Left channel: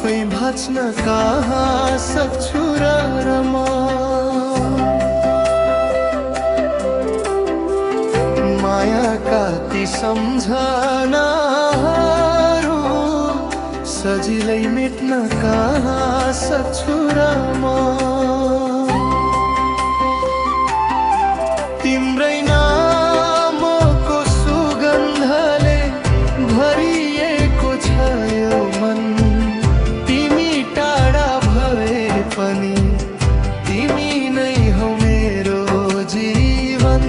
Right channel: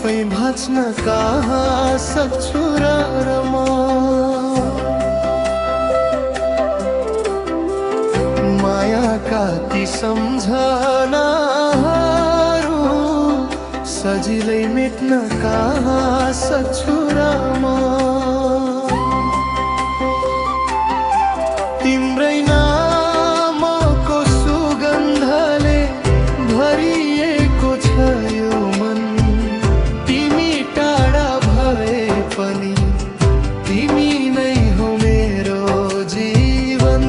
आफै भाँच्न कहाँ सक्छु र म। मायाका ती सम्झनाहरू सजिलै मेट्न कहाँ सक्छु र म। तिम्रै नामको सुगन्धले भरिएको छ यो मन। तिमी टाढा भए पनि तिमी नै हौ मेरो जीवन।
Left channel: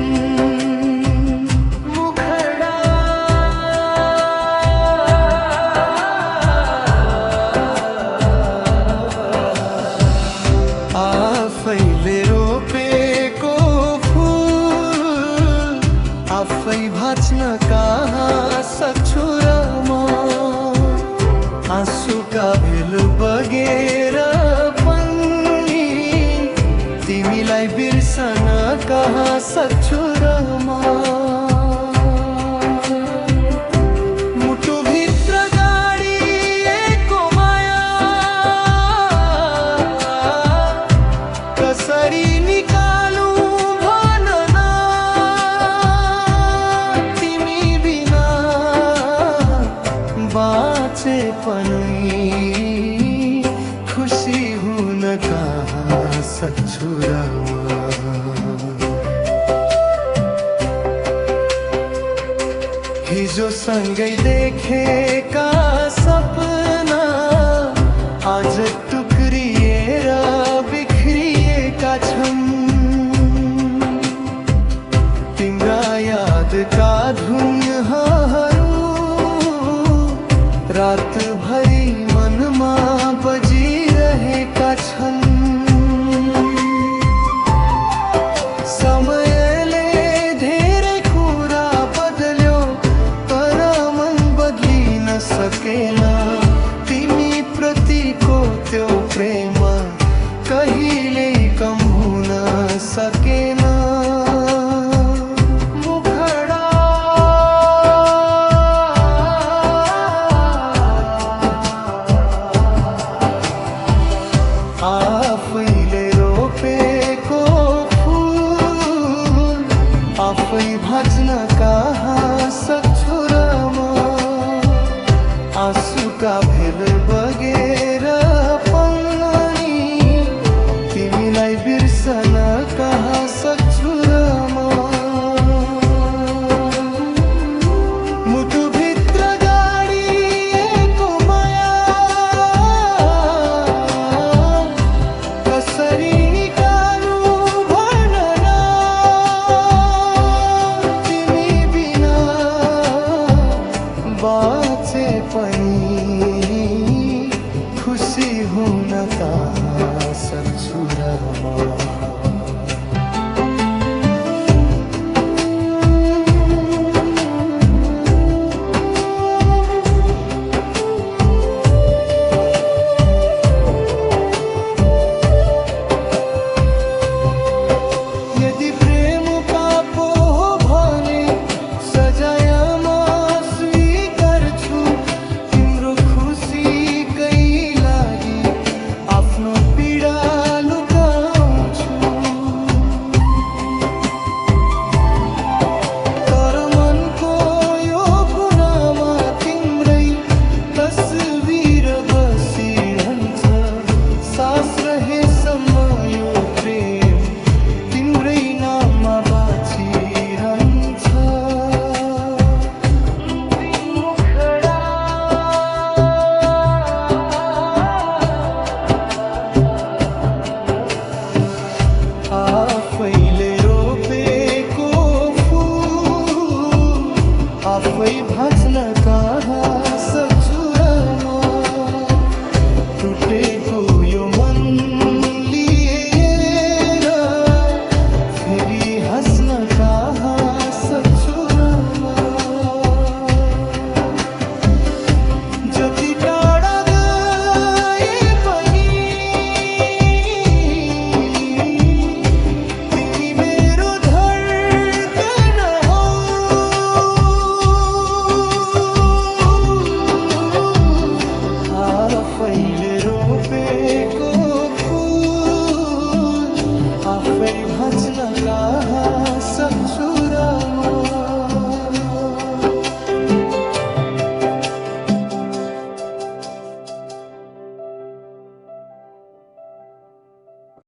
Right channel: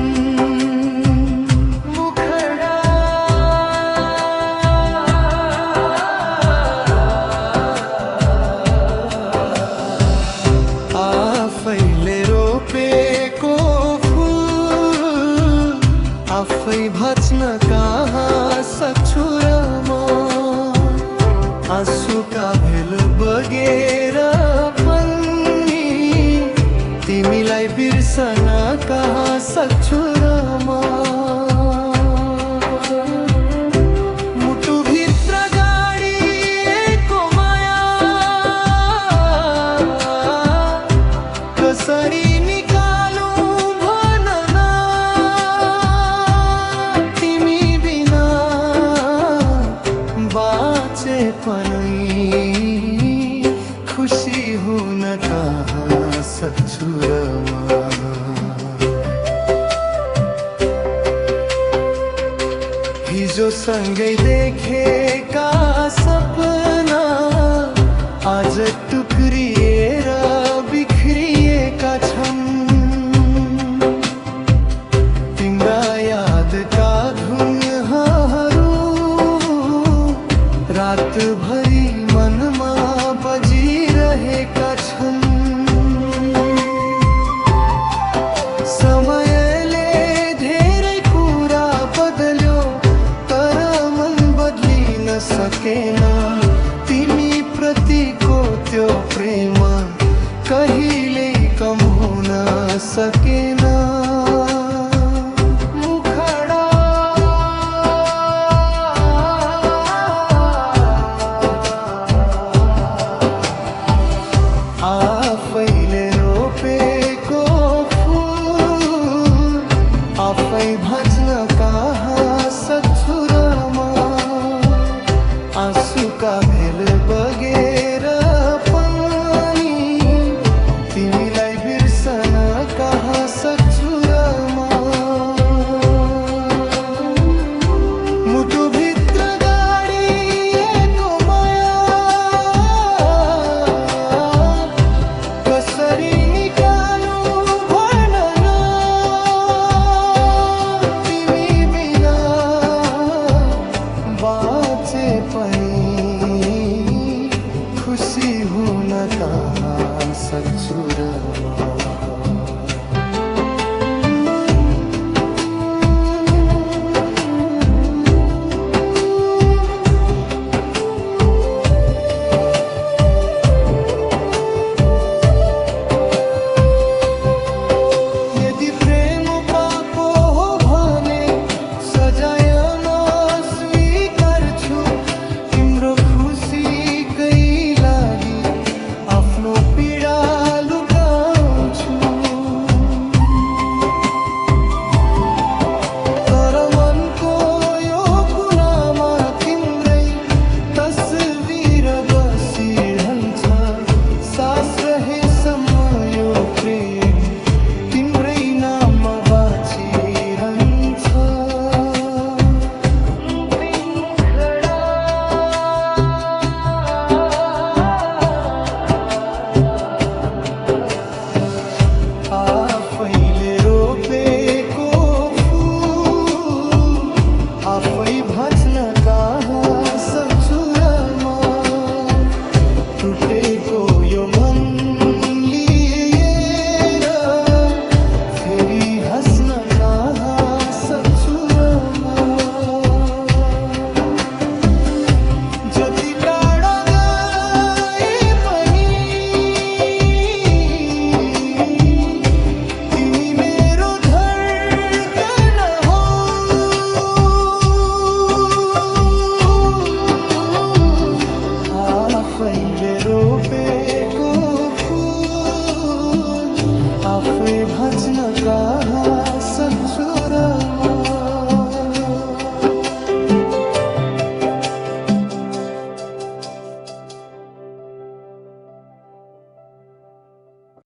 मुखडा आफैले रोपेको फुल आफै भाँच्न कहाँ सक्छु र म। आँसुका भेल बगेर पनि तिमीलाई बिर्सन कहाँ सक्छु र म। मुटुभित्र गाडिएको माया कसरी निकालौं भन न। तिमी बिना बाँचे पनि खुसी हुन कहाँ सक्छु र म। हिजो सँगै देखेका सपना आज टुक्रिएर बिखरिएका छन्। तिम्रा यादका धुनहरू रातभरि मनमा बजिरहेका छन्। समयले धेरै कुरा बदल्यो तर मन बदलिन सकेन। तिमी प्रतिको त्यो प्रेम कहिल्यै कम हुन सकेन। मुखडा आफैले रोपेको फुल आफै भाँच्न कहाँ सक्छु र म। आँसुका भेल बगेर पनि तिमीलाई बिर्सन कहाँ सक्छु र म। मुटुभित्र गाडिएको माया कसरी निकालौं भन न। तिमी बिना बाँचे पनि खुसी हुन कहाँ सक्छु र म। यदि प्रेम पापो हो भने सजाय म स्वीकार्छु। तिम्रो खुसीकै लागि आफ्नो पीडा लुकाउँछु। तर मनको यो कुनामा तिम्रै तस्बिर बसिरहन्छ। सास रहेसम्म यो प्रेम तिम्रै नाममा बाँचिरहन्छ। मुखडा आफैले रोपेको फुल आफै भाँच्न कहाँ सक्छु र म। टुटेको यो मन लिएर फेरि हाँस्न कहाँ सक्छु र म। जति टाढा गए पनि तिमी मेरो धड्कन हौ। आफै आफैले रोपेको फुल आफै भाँच्न कहाँ सक्छु र म